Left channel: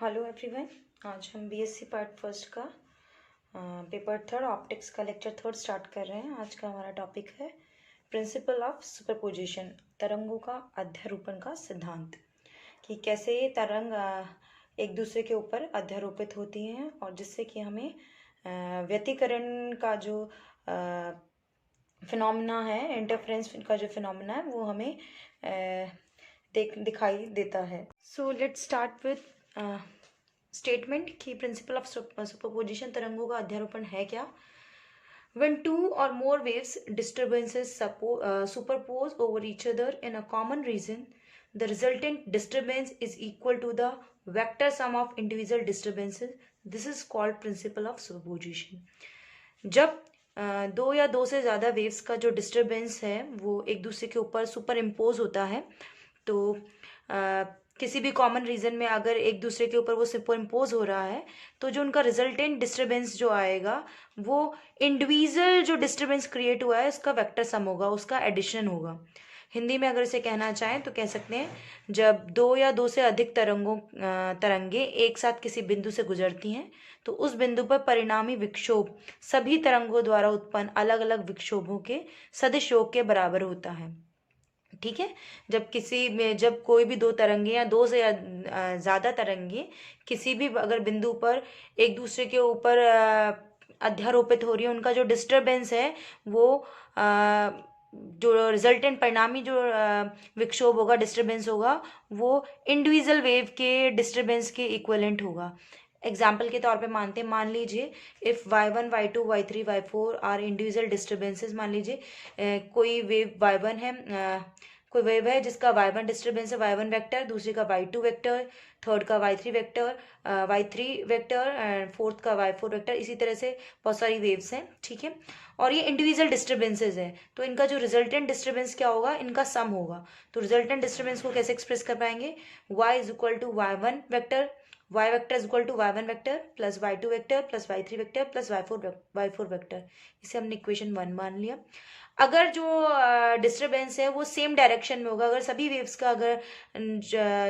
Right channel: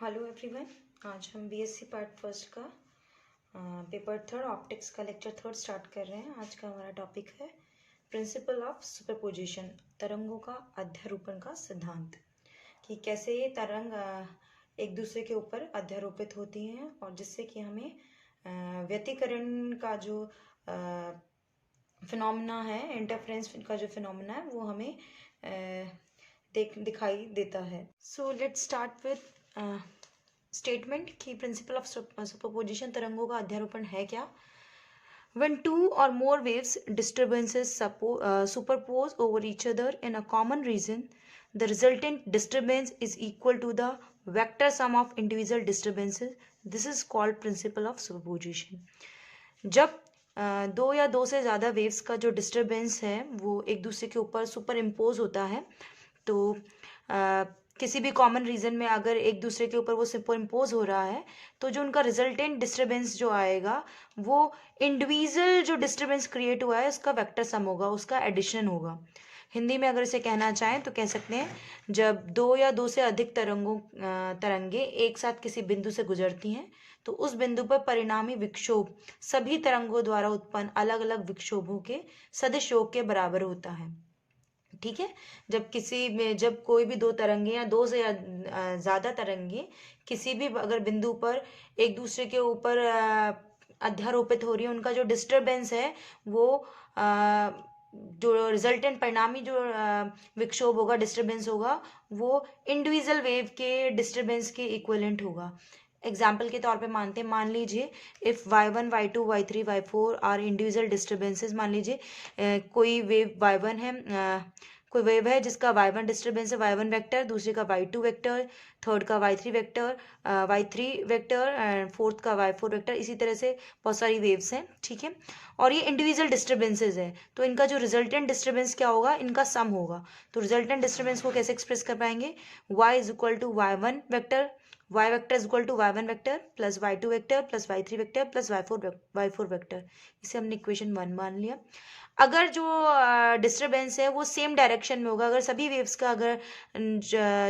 Hello everyone. आज हम BSc part first का पेपर थर्ड ऑप्टिक्स का लेक्चर थर्ड स्टार्ट कर रहे हैं। आज का हमारा टॉपिक है प्रिंसिपल ऑफ सुपरपोजिशन, तरंगों का अध्यारोपण का सिद्धांत, कि कैसे ये तरंग एक दूसरे के ऊपर अध्यारोपित होती हैं और जिससे कि हमें व्यतिकरण का जो फिनोमेना है, इंटरफेरेंस का जो फिनोमेना है, वो हमें दिखाई देता है। So let's start with statement कि प्रिंसिपल ऑफ सुपरपोजिशन, तरंगों का अध्यारोपण है क्या। When two or more waves disturbances superpose over each other in a common region, the resultant disturbance is equal to the vector sum of individual disturbances. This is called principle of superposition. जब दो या दो से ज़्यादा waves का जो disturbance है वो एक दूसरे के ऊपर सुपर इम्पोज होता है, तो किसी भी कॉमन रीजन में अगर एक दूसरे के ऊपर वो सुपर इम्पोज हो रहा है तो जो उनका रिजल्टेंट डिस्टर्बेंस जो आएगा वो इंडिविजुअल जो डिस्टर्बेंस क्रिएट हुआ है उसका वेक्टर सम होगा, उसका एडिशन होगा। हिंदी में अगर इसे कहना चाहें तो कह सकते हैं, जब दो या दो से अधिक तरंगे एक साथ किसी बिंदु से गुजरती हैं तो उस बिंदु पर परिणामी विक्षोभ सभी तरंगों द्वारा उत्पन्न अलग अलग विक्षोभों के सदिश योग के बराबर होता है। ठीक है, जब कोई भी दो तरंगे या दो से ज्यादा तरंगे किसी भी अगर बिंदु पर एक दूसरे के ऊपर अध्यारोपित हो रही है, उनका जो डिस्टरबेंस है वो जो रिजल्टेंट परिणामी जो विक्षोभ होगा, डिस्टरबेंस होगा, वो इंडिविजुअल वेव के डिस्टरबेंस के इक्विवेलेंट होगा। एग्जाम्पल के तौर पे मान लीजिए if y1 y2 y3 y4 are individual disturbances. मान लीजिए कोई वेव y1 है, कोई वेव है जिसका y1 डिस्टर्बेंस है y1 वेक्टर, दूसरे का y2 वेक्टर, थर्ड का y3 vector, y3 vector and fourth का y4 वेक्टर। इसी तरह से बहुत सारी वेव्स हैं, ठीक है, और ये इंडिविजुअल डिस्टर्बेंसेस है, तो इनका जो रिजल्टेंट डिस्टर्बेंस क्या होगा, इनका सम होगा। तो रिजल्टेंट डिस्टर्बेंस को कैसे एक्सप्रेस कर पाएंगे, y is equal to y1 vector, y vector is equal to y1 vector plus y2 vector plus y3 vector plus y4 vector. इसे हमने इक्वेशन 1 मान लिया। अगर जो डिस्टरबेंस है वो सेम डायरेक्शन में होगा, अगर सभी वेव्स का अगर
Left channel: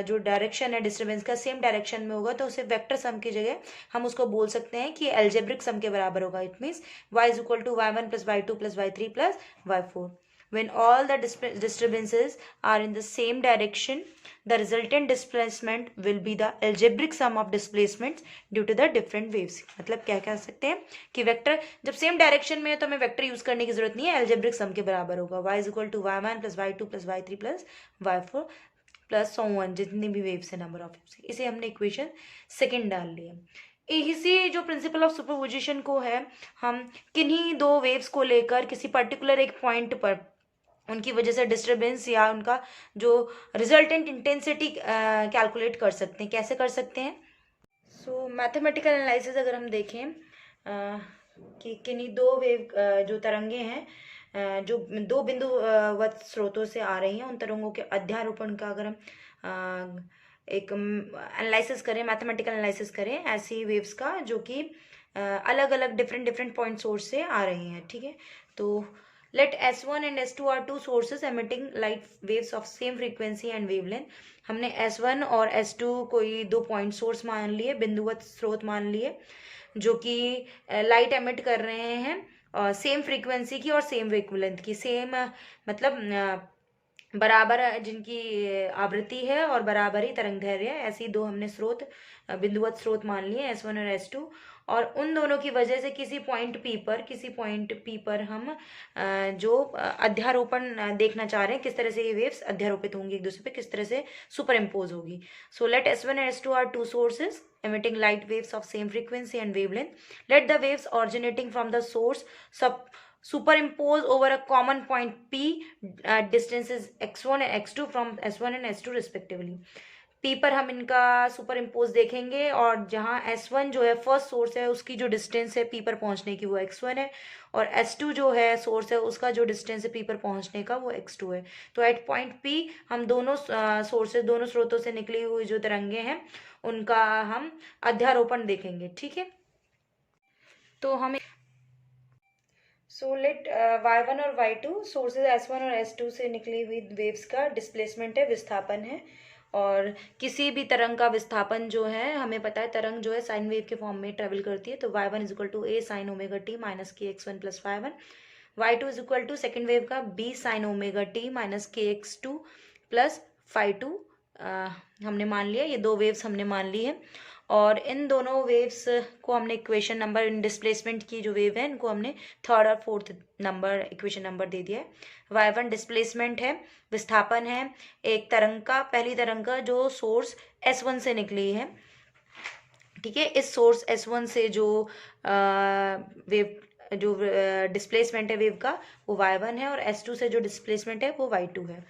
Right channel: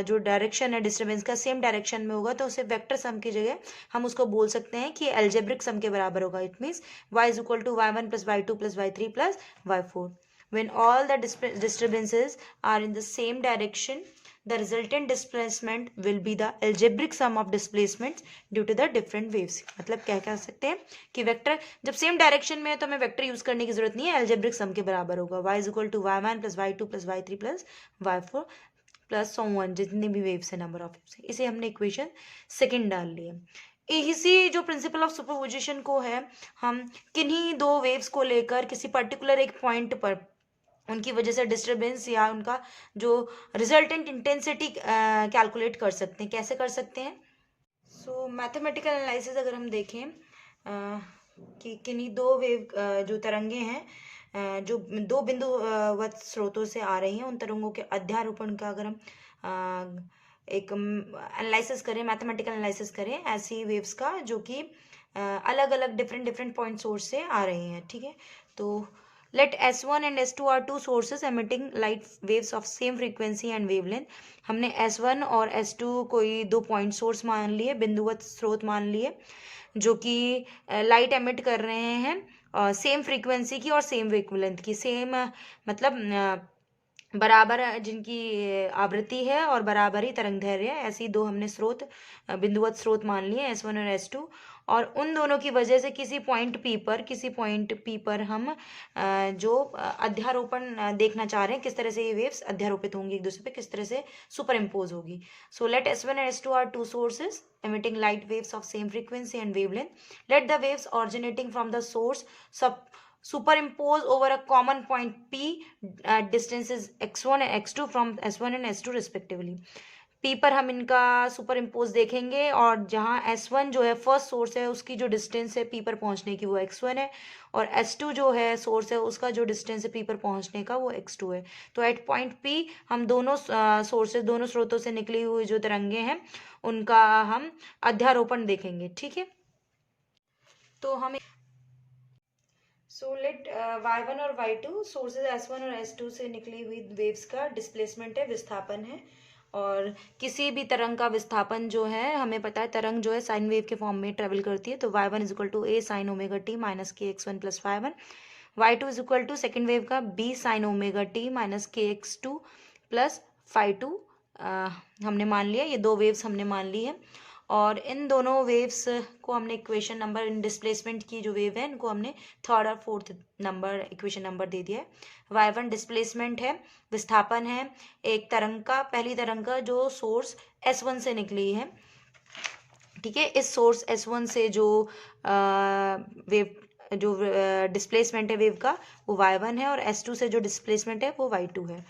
जो डायरेक्शन है डिस्टरबेंस का सेम डायरेक्शन में होगा तो उसे वेक्टर सम की जगह हम उसको बोल सकते हैं कि एल्जेब्रिक सम के बराबर होगा। It means y is equal to y1 plus y2 plus y3 plus y4। When all the disturbances are in the same direction, the resultant displacement will be the algebraic sum of displacements due to the different waves। मतलब क्या कह सकते हैं कि vector जब same direction में है तो हमें वेक्टर यूज करने की जरूरत नहीं है, एल्जेब्रिक सम के बराबर होगा। y is equal to y1 plus y2 plus y3 plus y4 plus so on, जितने भी वेव्स है, नंबर ऑफ वेव्स। इसे हमने इक्वेशन सेकेंड डाल लिया। इसी जो प्रिंसिपल ऑफ सुपरपोजिशन को है, हम किन्हीं दो वेव्स को लेकर किसी पर्टिकुलर एक पॉइंट पर उनकी वजह से डिस्टरबेंस या उनका जो रिजल्टेंट इंटेंसिटी कैलकुलेट कर सकते हैं। कैसे कर सकते हैं, सो मैथमेटिकल एनालिसिस अगर हम देखें कि किन्हीं दो वेव जो तरंगे हैं जो दो बिंदुवत स्रोतों से आ रही हैं, उन तरंगों के अध्यारोपण का अगर हम एक एनालिसिस करें, मैथमेटिकल एनालिसिस करें ऐसी वेव्स का जो कि अलग अलग डिफरेंट पॉइंट सोर्स से आ रही हैं, ठीक है। तो let S1 and S2 are two sources emitting light waves of same frequency and wavelength। हमने S1 और S2 कोई दो पॉइंट सोर्स मान लिए, बिंदुवत स्रोत मान लिए, जो कि लाइट एमिट कर रहे हैं सेम फ्रीक्वेंसी की और सेम वेवलेंथ की। सेम मतलब बराबर जिनकी आवृत्ति है और बराबर ही तरंगदैर्घ्य है, ऐसी दो हमने स्रोत बिंदुवत स्रोत मान लिए S1 और S2। और उन दोनों की वजह से किसी पॉइंट पी पर हम जो अध्यारोपण देखना चाह रहे हैं, किस तरह से ये वेव्स अध्यारोपित होंगी एक दूसरे पे, किस तरह से सुपर इम्पोज होगी। So let S1 and S2 are two sources emitting light waves of same frequency and wavelength. Let the waves originating from the source superimpose over a common point P at distances x1 and x2 from S1 and S2 respectively। P पर हम इनका super impose देखेंगे और जहां S1 जो है first source है उसकी जो डिस्टेंस है P पर पहुंचने की वो x1 है, और S2 जो है सोर्स है उसका जो डिस्टेंस है P पर पहुंचने का वो x2 है। तो एट पॉइंट P हम दोनों सोर्सेज, दोनों स्रोतों से निकली हुई जो तरंगे हैं उनका हम अध्यारोपण देखेंगे, ठीक है। तो हमें लेट y1 और y2 सोर्सेज S1 और S2 से निकली हुई वेव्स का डिस्प्लेसमेंट है, विस्थापन है, और किसी भी तरंग का विस्थापन जो है, हमें पता है तरंग जो है साइन वेव के फॉर्म में ट्रेवल करती है, तो y1 is equal to A sine omega T minus K X one plus y1, y2 is equal to second wave का b sine omega T minus K X two plus phi two. हमने मान लिया, ये दो waves हमने मान ली है, और इन दोनों वेव्स को हमने इक्वेशन नंबर, इन डिस्प्लेसमेंट की जो वेव है इनको हमने थर्ड और फोर्थ नंबर इक्वेशन नंबर दे दिया है। y1 डिस्प्लेसमेंट है, विस्थापन है एक तरंग का, पहली तरंग का जो सोर्स S1 से निकली है, ठीक है। इस सोर्स S1 से जो वेव जो डिस्प्लेसमेंट है वेव का वो y1 है, और S2 से जो डिस्प्लेसमेंट है वो y2 है।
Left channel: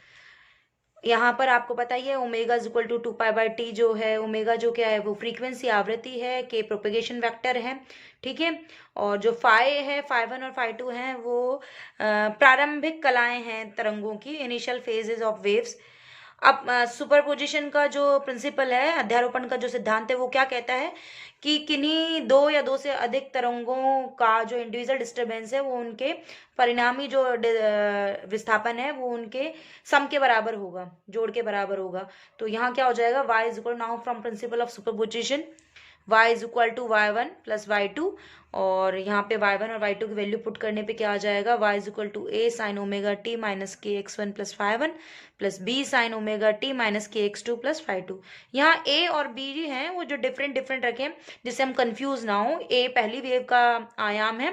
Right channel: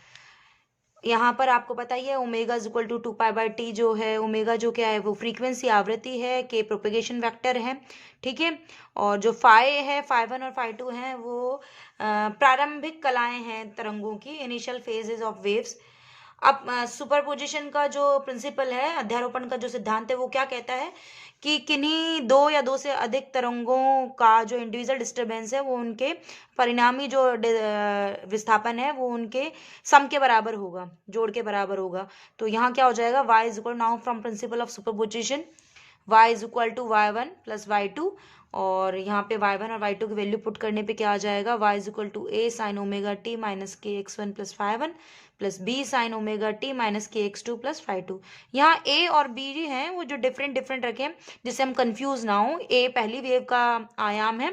यहाँ पर आपको पता ही है omega is equal to 2π/t जो है, ओमेगा जो क्या है वो फ्रीक्वेंसी आवृत्ति है, के प्रोपेगेशन वेक्टर है, ठीक है। और जो फाई है, फाई1 और फाई2 हैं वो प्रारंभिक कलाएं हैं तरंगों की, इनिशियल फेजेस ऑफ वेव्स। अब सुपरपोजिशन का जो प्रिंसिपल है, अध्यारोपण का जो सिद्धांत है, वो क्या कहता है कि किन्हीं दो या दो से अधिक तरंगों का जो इंडिविजुअल डिस्टरबेंस है वो उनके परिणामी जो विस्थापन है वो उनके सम के बराबर होगा, जोड़ के बराबर होगा। तो यहाँ क्या हो जाएगा, y is equal, now from principle of superposition y is equal to y1 plus y2, और यहाँ पे y1 और y2 की वैल्यू पुट करने पे क्या आ जाएगा, y is equal to a sine omega T minus K X one plus y1 plus b sine omega T minus K X two plus phi two. यहाँ a और b जी हैं वो जो डिफरेंट डिफरेंट रखे, जिससे हम कंफ्यूज ना हो। a पहली वेव का आयाम है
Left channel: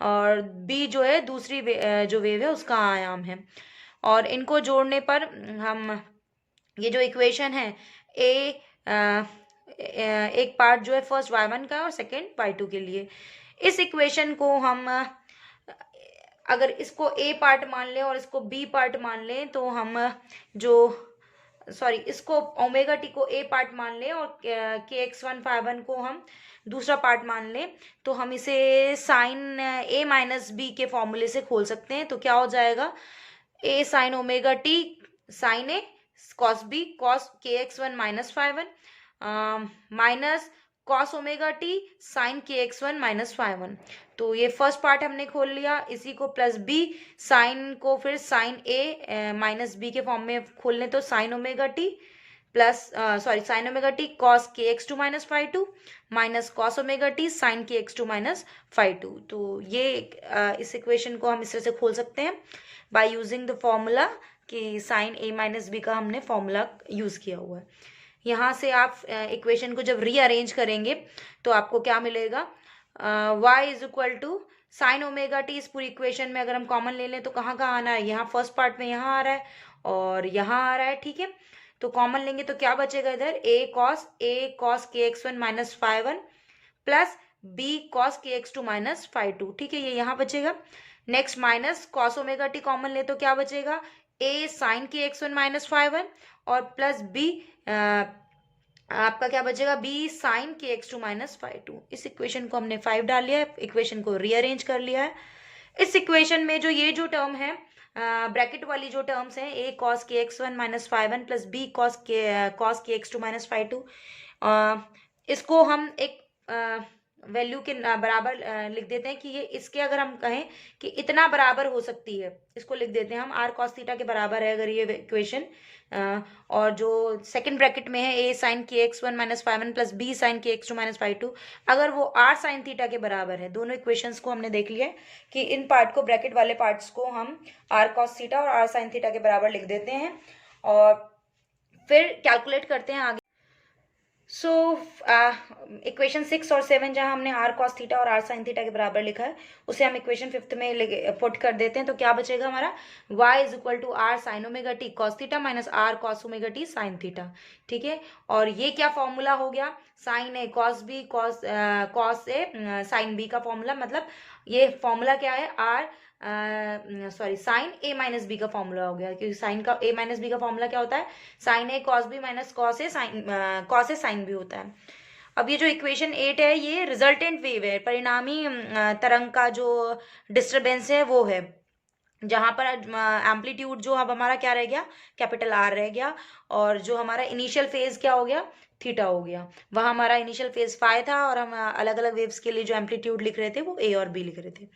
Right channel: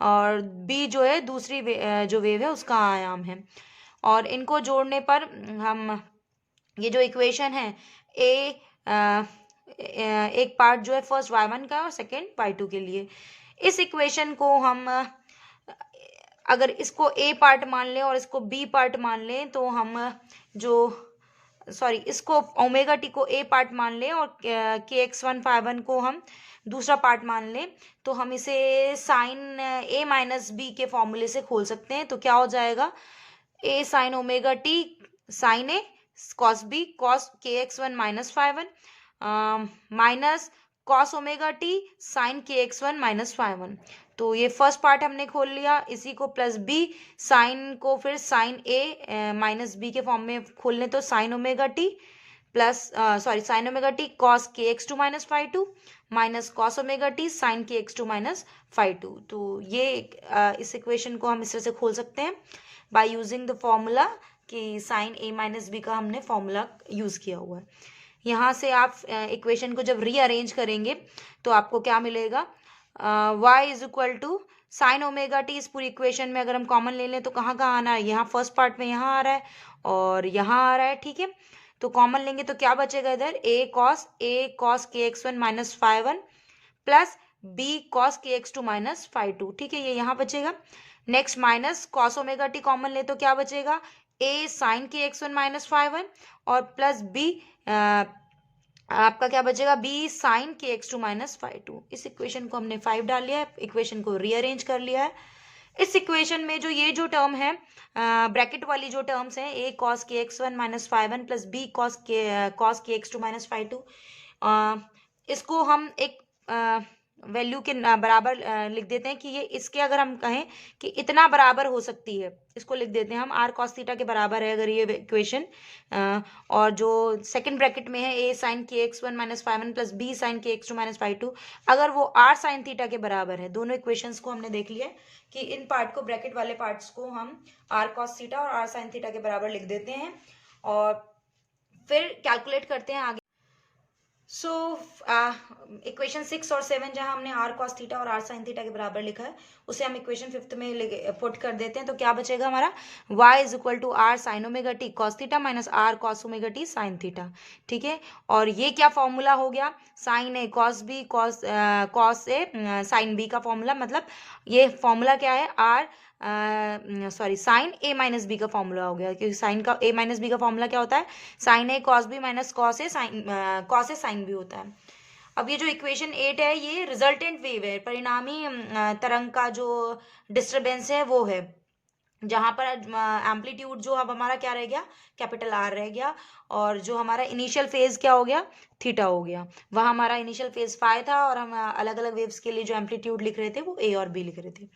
और b जो है दूसरी जो वेव है उसका आयाम है, और इनको जोड़ने पर हम ये जो इक्वेशन है एक पार्ट जो है फर्स्ट y1 का और सेकेंड y2 के लिए, इस इक्वेशन को हम अगर इसको a पार्ट मान लें और इसको b पार्ट मान लें तो हम इसको ओमेगा टी को a पार्ट मान लें और के एक्स वन फाई1 को हम दूसरा पार्ट मान लें, तो हम इसे साइन a माइनस बी के फॉर्मूले से खोल सकते हैं। तो क्या हो जाएगा, a sine omega T sine a cos b cos के X one minus phi one minus cos omega T sine के एक्स वन माइनस फाई1। तो ये फर्स्ट पार्ट हमने खोल लिया, इसी को प्लस b साइन को फिर साइन a माइनस b के फॉर्म में खोल लें तो sine omega T plus sine omega T cos के X two minus phi two minus cos omega T sine के एक्स टू माइनस फाई2। तो ये इस इक्वेशन को हम इस तरह से खोल सकते हैं बाय यूजिंग द फॉर्मूला कि साइन a माइनस बी का हमने फॉर्मूला यूज किया हुआ है। यहाँ से आप इक्वेशन को जब रीअरेंज करेंगे तो आपको क्या मिलेगा, y is equal to sine omega T, इस पूरी इक्वेशन में अगर हम कॉमन ले लें तो कहाँ कहाँ आना है, यहाँ फर्स्ट पार्ट में यहाँ आ रहा है और यहाँ आ रहा है, ठीक है। तो कॉमन लेंगे तो क्या बचेगा इधर, a कॉस के X one minus phi one plus b cos के एक्स टू माइनस फाई2, ठीक है, ये यहाँ बचेगा। Next minus cos omega T common ले तो क्या बचेगा, a साइन के एक्स वन माइनस फाई1 और प्लस b आपका क्या बचेगा, b साइन के एक्स टू माइनस फाई2। इस इक्वेशन को हमने 5 डाल लिया है, इक्वेशन को रीअरेंज कर लिया है। इस इक्वेशन में जो ये जो टर्म है ब्रैकेट वाली जो टर्म्स हैं, a कॉस के X one minus phi one plus b cos के एक्स टू माइनस फाई2, इसको हम एक वैल्यू के बराबर लिख देते हैं कि ये इसके अगर हम कहें कि इतना बराबर हो सकती है, इसको लिख देते हैं हम r cos थीटा के बराबर है अगर ये इक्वेशन, और जो सेकंड ब्रैकेट में है a साइन के X one minus phi one plus b sine के एक्स टू माइनस फाई2, अगर वो r साइन थीटा के बराबर है। दोनों इक्वेशंस को हमने देख लिया है कि इन पार्ट को, ब्रैकेट वाले पार्ट्स को हम r cos थीटा और r साइन थीटा के बराबर लिख देते हैं और फिर कैलकुलेट करते हैं आगे। सो इक्वेशन 6 और 7 जहां हमने r cos थीटा और r sin थीटा के बराबर लिखा है उसे हम इक्वेशन 5th में पुट कर देते हैं। तो क्या बचेगा हमारा, y is equal to r sine omega T cos theta minus r cos omega T sine theta, ठीक है। और ये क्या फॉर्मूला हो गया, sine A cos B cos A sine B का फॉर्मूला, मतलब ये फॉर्मूला क्या है, साइन ए माइनस बी का फॉर्मूला हो गया, क्योंकि साइन का ए माइनस बी का फॉर्मूला क्या होता है, sine A cos B minus cos A sine B होता है। अब ये जो इक्वेशन 8 है ये रिजल्टेंट वेव है, परिणामी तरंग का जो डिस्टरबेंस है वो है, जहां पर एम्पलीट्यूड जो अब हमारा क्या रह गया, कैपिटल आर रह गया, और जो हमारा इनिशियल फेज क्या हो गया, थीटा हो गया। वहां हमारा इनिशियल फेज फाई था और हम अलग अलग वेव्स के लिए जो एम्पलीट्यूड लिख रहे थे वो ए और बी लिख रहे थे।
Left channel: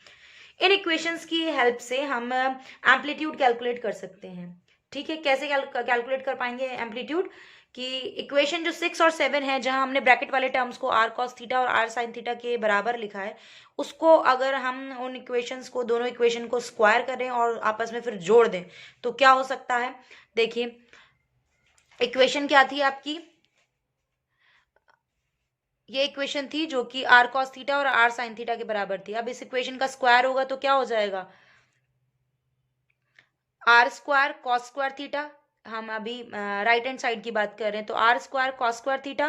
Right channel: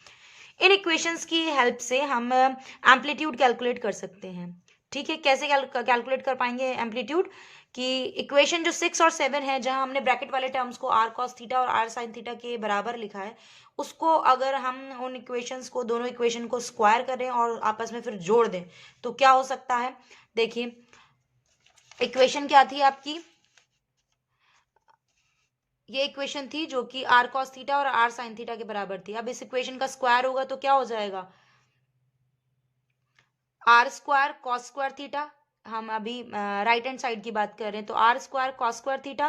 इन इक्वेशंस की हेल्प से हम एम्पलीट्यूड कैलकुलेट कर सकते हैं, ठीक है। कैसे कैलकुलेट कर पाएंगे एम्पलीट्यूड, कि इक्वेशन जो 6 और 7 है, जहां हमने ब्रैकेट वाले टर्म्स को r cos थीटा और r sin थीटा के बराबर लिखा है, उसको अगर हम उन इक्वेशंस को, दोनों इक्वेशन को स्क्वायर करें और आपस में फिर जोड़ दें तो क्या हो सकता है। देखिए इक्वेशन क्या थी आपकी, ये इक्वेशन थी जो कि r cos थीटा और r sin थीटा के बराबर थी। अब इस इक्वेशन का स्क्वायर होगा तो क्या हो जाएगा, R square cos square theta, हम अभी राइट हैंड साइड की बात कर रहे हैं, तो R square cos square theta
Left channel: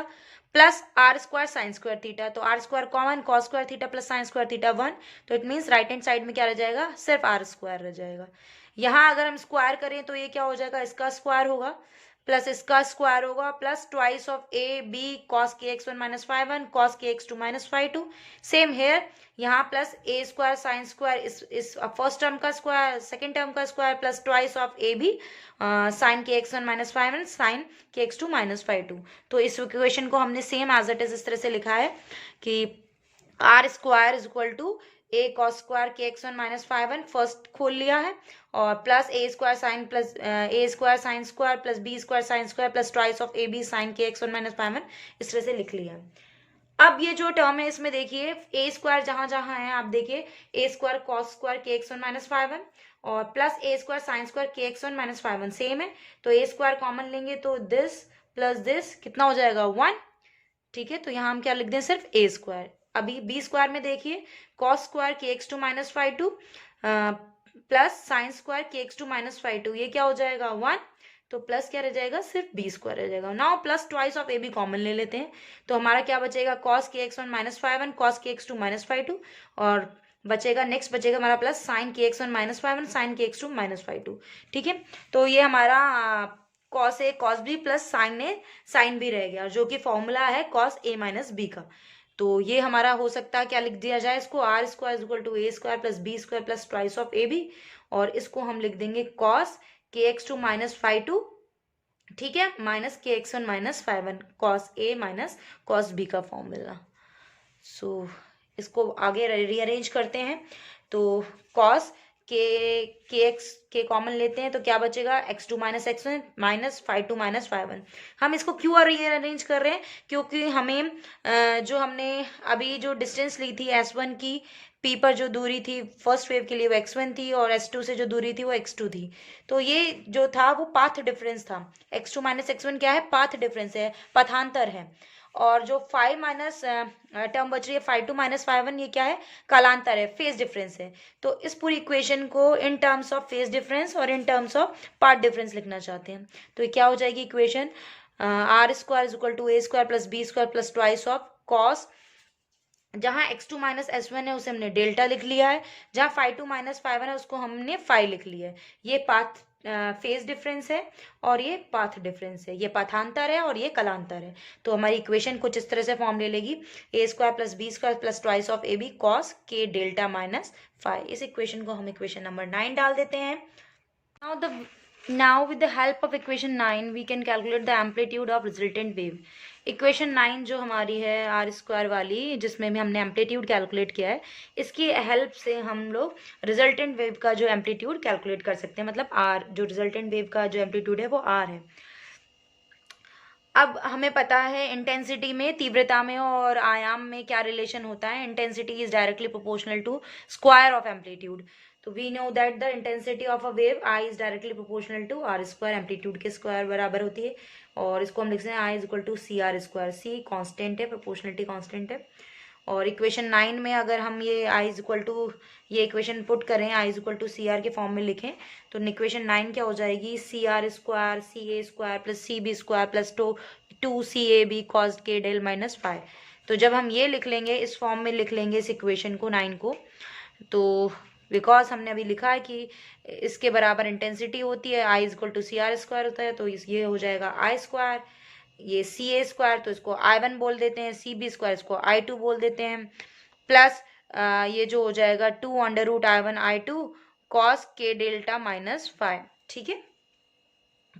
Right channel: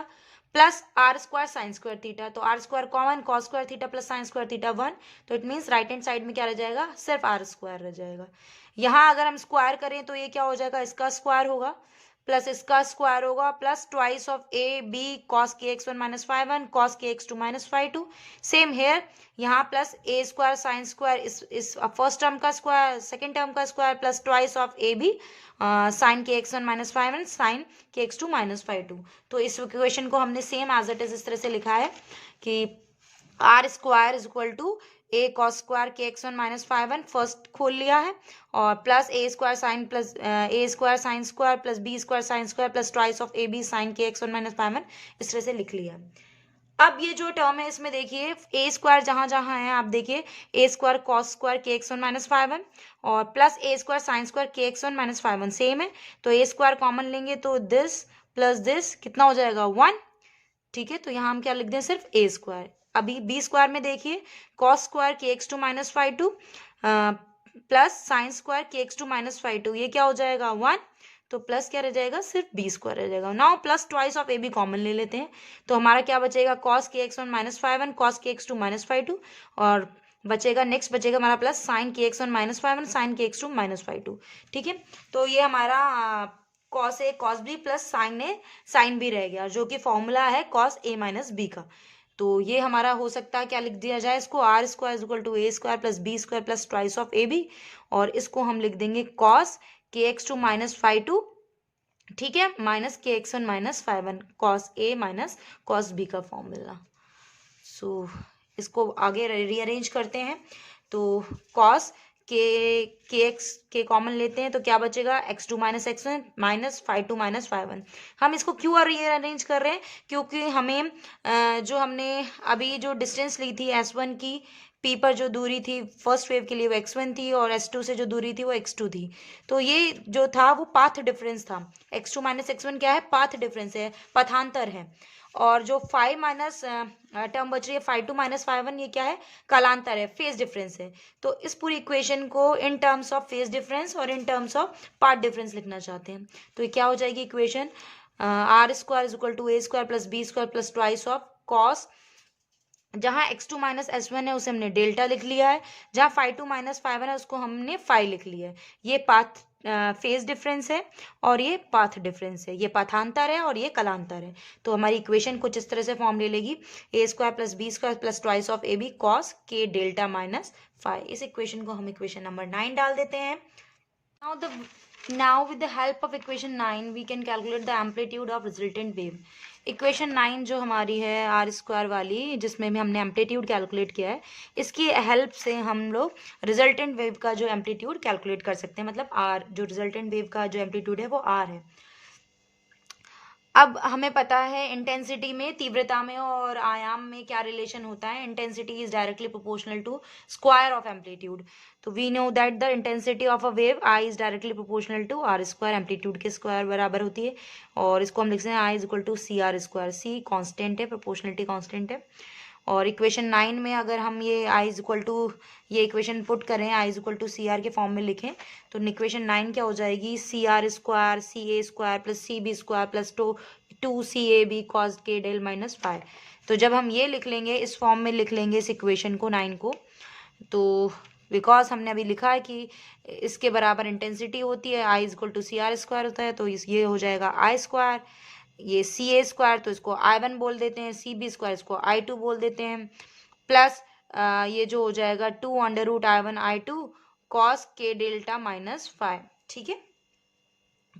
plus R square sine square theta, तो R square common, cos square theta plus sine square theta 1, तो it means right hand side में क्या रह जाएगा, सिर्फ आर स्क्वायर रह जाएगा। यहाँ अगर हम स्क्वायर करें तो ये क्या हो जाएगा, इसका स्क्वायर होगा प्लस इसका स्क्वायर होगा plus twice of A B cos के एक्स 1 माइनस 5 1 कॉस के एक्स 2 माइनस 5 2, सेम हेयर यहाँ plus A square sine square, इस फर्स्ट टर्म का स्क्वायर, सेकेंड टर्म का square plus twice of A B sine के X 1 minus 5 1 sine के X 2 minus 5 2। तो इस इक्वेशन को हमने सेम एज इट इज इस तरह से लिखा है कि R square is equal to A cos square के एक्स 1 माइनस 5 1, फर्स्ट खोल लिया है, और plus A square sine plus A square sine square plus B square sine square plus twice of A B sine के X 1 minus 5 1, इस तरह से लिख लिया है। अब ये जो टर्म है इसमें देखिए ए स्क्वायर जहां जहां है आप देखिए, ए स्क्वायर कॉस स्क्वायर के एक्स 1 माइनस 5 1 और plus A square sine square के एक्स 1 माइनस 5 1 सेम है, तो ए स्क्वायर कॉमन लेंगे तो दिस प्लस दिस कितना हो जाएगा 1, ठीक है। तो यहाँ हम क्या लिख दें, सिर्फ ए स्क्वायर। अभी बी स्क्वायर में देखिए कॉस स्क्वायर के X 2 minus 5 2 plus sine square के एक्स 2 माइनस 5 2, ये क्या हो जाएगा 1, तो प्लस क्या रह जाएगा, सिर्फ बी स्क्वायर रह जाएगा। Now plus twice of A B common ले लेते हैं, तो हमारा क्या बचेगा, कॉस के एक्स 1 माइनस 5 1 कॉस के एक्स 2 माइनस 5 2, और बचेगा नेक्स्ट बचेगा हमारा प्लस साइन के एक्स 1 माइनस 5 1 साइन के एक्स 2 माइनस 5 2, ठीक है। तो ये हमारा cos A cos B plus sine A sine B रह गया, जो कि फॉर्मूला है कॉस ए माइनस बी का। तो ये हमारा हो सकता है, क्या लिख दिया जाए इसको, R square is equal to A square plus B square plus twice of A B, और इसको हम लिख देंगे कॉस के एक्स 2 माइनस 5 2, ठीक है, minus K X 1 minus 5 1 cos A minus cos B का फॉर्मूला। सो इसको आगे रीअरेंज करते हैं, तो कॉस के एक्स के कॉमन लेते हैं तो क्या बचेगा, x 2 minus x 1 minus 5 2 minus 5 1। हम इसको क्यों रीअरेंज कर रहे हैं, क्योंकि हमें जो हमने अभी जो डिस्टेंस ली थी S1 की, पी पर जो दूरी थी फर्स्ट वेव के लिए वो x1 थी, और S2 से जो दूरी थी वो x2 थी, तो ये जो था वो पाथ डिफरेंस था। x2 माइनस x1 क्या है, पाथ डिफरेंस है, पथांतर है। और जो 5 माइनस टर्म बच रही है 5 2 माइनस 5 1, ये क्या है, कालांतर है, फेज डिफरेंस है। तो इस पूरी इक्वेशन को in terms of phase difference और in terms of path difference लिखना चाहते हैं, तो ये क्या हो जाएगी equation, R square is equal to A square plus B square plus twice of cos, जहां x2 माइनस s1 है उसे हमने डेल्टा लिख लिया है, जहां 5 2 माइनस 5 1 है उसको हमने 5 लिख लिया है। ये पाथ फेज डिफरेंस है और ये पाथ डिफरेंस है, ये पाथांतर है और ये कलांतर है। तो हमारी इक्वेशन कुछ इस तरह से फॉर्म ले लेगी, A square plus B square plus twice of A B cos के डेल्टा माइनस 5। इस इक्वेशन को हम इक्वेशन नंबर 9 डाल देते हैं। Now with the help of equation 9 we can calculate the amplitude of resultant wave। Equation 9 जो हमारी है आर स्क्वायर वाली, जिसमें भी हमने एम्पलीट्यूड कैलकुलेट किया है, इसकी हेल्प से हम लोग रिजल्टेंट वेव का जो एम्पलीट्यूड कैलकुलेट कर सकते हैं, मतलब आर, जो रिजल्टेंट वेव का जो एम्पलीट्यूड है वो आर है। अब हमें पता है इंटेंसिटी में, तीव्रता में और आयाम में क्या रिलेशन होता है, intensity is directly proportional to square of amplitude. तो we know that the intensity of a wave I is directly proportional to R square, amplitude के स्क्वायर बराबर होती है, और इसको हम लिखते हैं I is equal to C R square. C constant है, प्रोपोर्शनलिटी कॉन्स्टेंट है। और इक्वेशन 9 में अगर हम ये आई इज इक्वल टू, ये इक्वेशन पुट करें, I is equal to C R के फॉर्म में लिखें, तो इक्वेशन 9 क्या हो जाएगी, C R square C A square plus C B square plus two C A B cos के डेल माइनस 5। तो जब हम ये लिख लेंगे, इस फॉर्म में लिख लेंगे इस इक्वेशन को 9 को, तो बिकॉज हमने अभी लिखा है कि इसके बराबर इंटेंसिटी होती है, I is equal to C R square होता है, तो ये हो जाएगा आई स्क्वायर, ये सी ए स्क्वायर तो इसको I1 बोल देते हैं, सी बी स्क्वायर इसको I2 बोल देते हैं, प्लस ये जो हो जाएगा 2 under root I1 I2 cos के डेल्टा माइनस 5, ठीक है।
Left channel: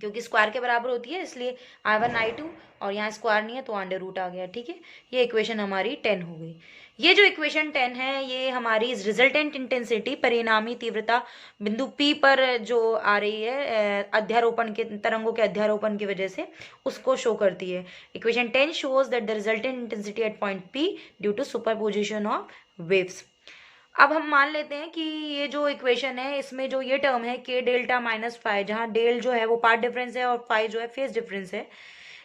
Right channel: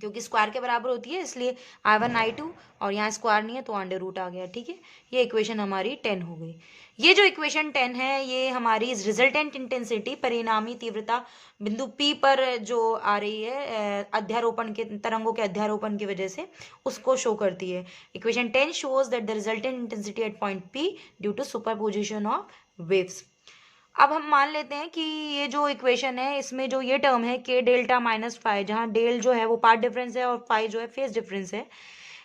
क्योंकि स्क्वायर के बराबर होती है इसलिए I1 I2, और यहाँ स्क्वायर नहीं है तो अंडर रूट आ गया। ठीक है, ये इक्वेशन हमारी 10 हो गई। ये जो इक्वेशन 10 है ये हमारी रिजल्टेंट इंटेंसिटी, परिणामी तीव्रता बिंदु P पर जो आ रही है अध्यारोपण के तरंगों के अध्यारोपण की वजह से, उसको शो करती है। Equation 10 shows that the resultant intensity at point P due to superposition of waves. अब हम मान लेते हैं कि ये जो इक्वेशन है इसमें जो ये टर्म है k डेल्टा माइनस फाइव, जहाँ डेल जो है वो पार्ट डिफरेंस है और फाइव जो है फेज डिफरेंस है,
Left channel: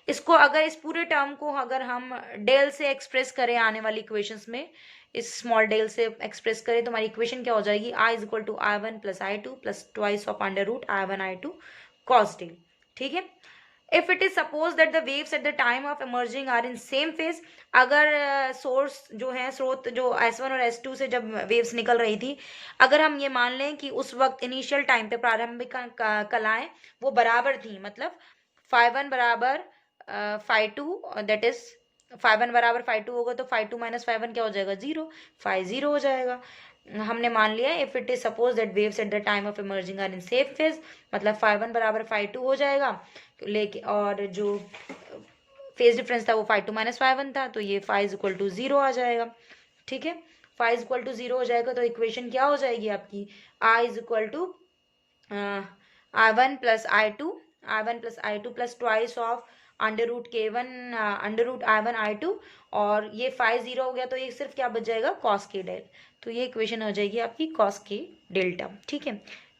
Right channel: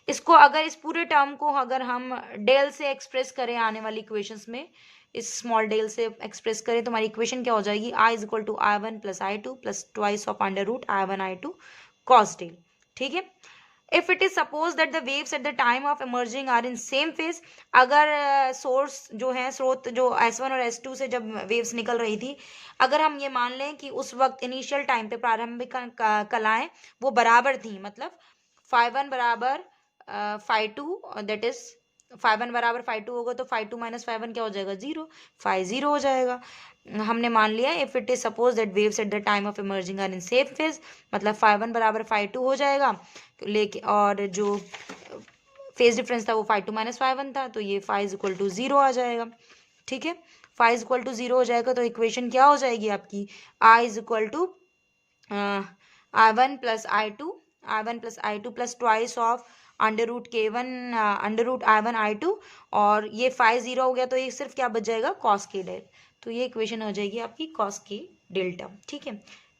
इसको अगर इस पूरे टर्म को अगर हम डेल से एक्सप्रेस करें आने वाली इक्वेशंस में, इस स्मॉल डेल से एक्सप्रेस करें तो हमारी इक्वेशन क्या हो जाएगी, I is equal to I1 plus I2 plus twice of under root I1 I2 cos del. ठीक है, if it is supposed that the waves at the time of emerging are in same phase, अगर source जो है, स्रोत जो S1 और S2 से जब वेव्स निकल रही थी, अगर हम ये मान लें कि उस वक्त इनिशियल टाइम पे प्रारंभिक कलाएं वो बराबर थी, मतलब φ1 बराबर φ2, दैट इज φ1 बराबर φ2 होगा तो φ2 माइनस φ1 क्या हो जाएगा, जीरो, φ0 हो जाएगा। हमने मान लिया if it is suppose that waves at the time of emerging are in same phase, मतलब φ1 बराबर φ2 हो जाएगा, लेके और जो फेज डिफरेंस था वो φ2 माइनस φ1 था, तो ये φ इज इक्वल टू जीरो आ जाएगा। ठीक है, φ इज इक्वल टू जीरो हो जाएगा तो इक्वेशन क्या हो जाएगी आपकी, I is equal to I1 plus I2 plus twice of under root k1 under root I1 I2, और ये φ0 हो गया तो ये सिर्फ क्या बच जाएगा, cos k डेल। तो ये इक्वेशन हो जाएगी आपकी cos k डेल्टा। ठीक है,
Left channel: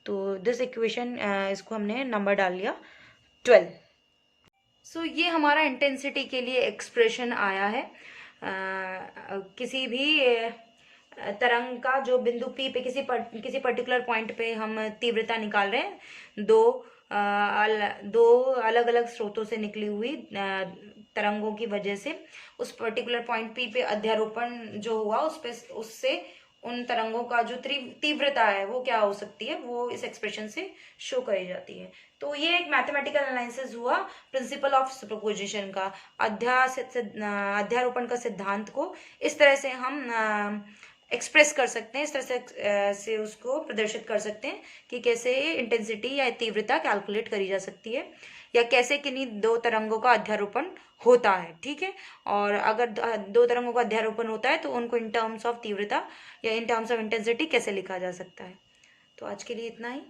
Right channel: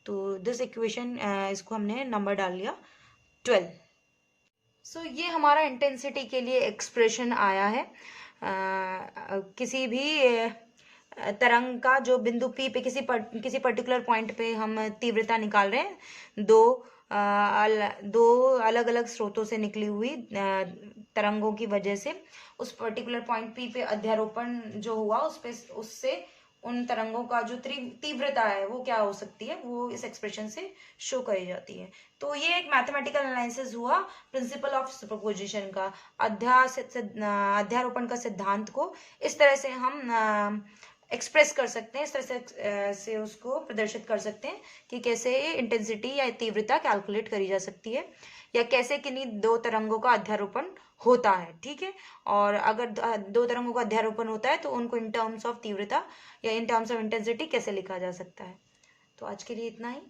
तो दिस इक्वेशन इसको हमने नंबर डाल लिया 12। सो ये हमारा इंटेंसिटी के लिए एक्सप्रेशन आया है। किसी भी तरंग का जो बिंदु P पे किसी पर्टिकुलर पॉइंट पे हम तीव्रता निकाल रहे हैं, दो अलग अलग स्रोतों से निकली हुई तरंगों की वजह से उस पर्टिकुलर पॉइंट P पे अध्यारोपण जो हुआ उससे उन तरंगों का जो तीव्रता है वो क्या हो सकती है, वो इस एक्सप्रेशन से शो करी जाती है। तो ये एक मैथमेटिकल एनालिसिस हुआ प्रिंसिपल ऑफ सुपरपोजिशन का, अध्यारोपण का सिद्धांत को इस तरह से हम एक्सप्रेस कर सकते हैं, इस तरह से उसको प्रदर्शित कर सकते हैं कि कैसे इंटेंसिटी या तीव्रता कैलकुलेट करी जा सकती है, या कैसे किन्हीं दो तरंगों का अध्यारोपण होता है। ठीक है, और अगर दो तरंगों का अध्यारोपण होता है तो उनको इन टर्म्स ऑफ तीव्रता या इन टर्म्स ऑफ इंटेंसिटी कैसे लिखा जा सकता है। तो आज के लिए इतना ही।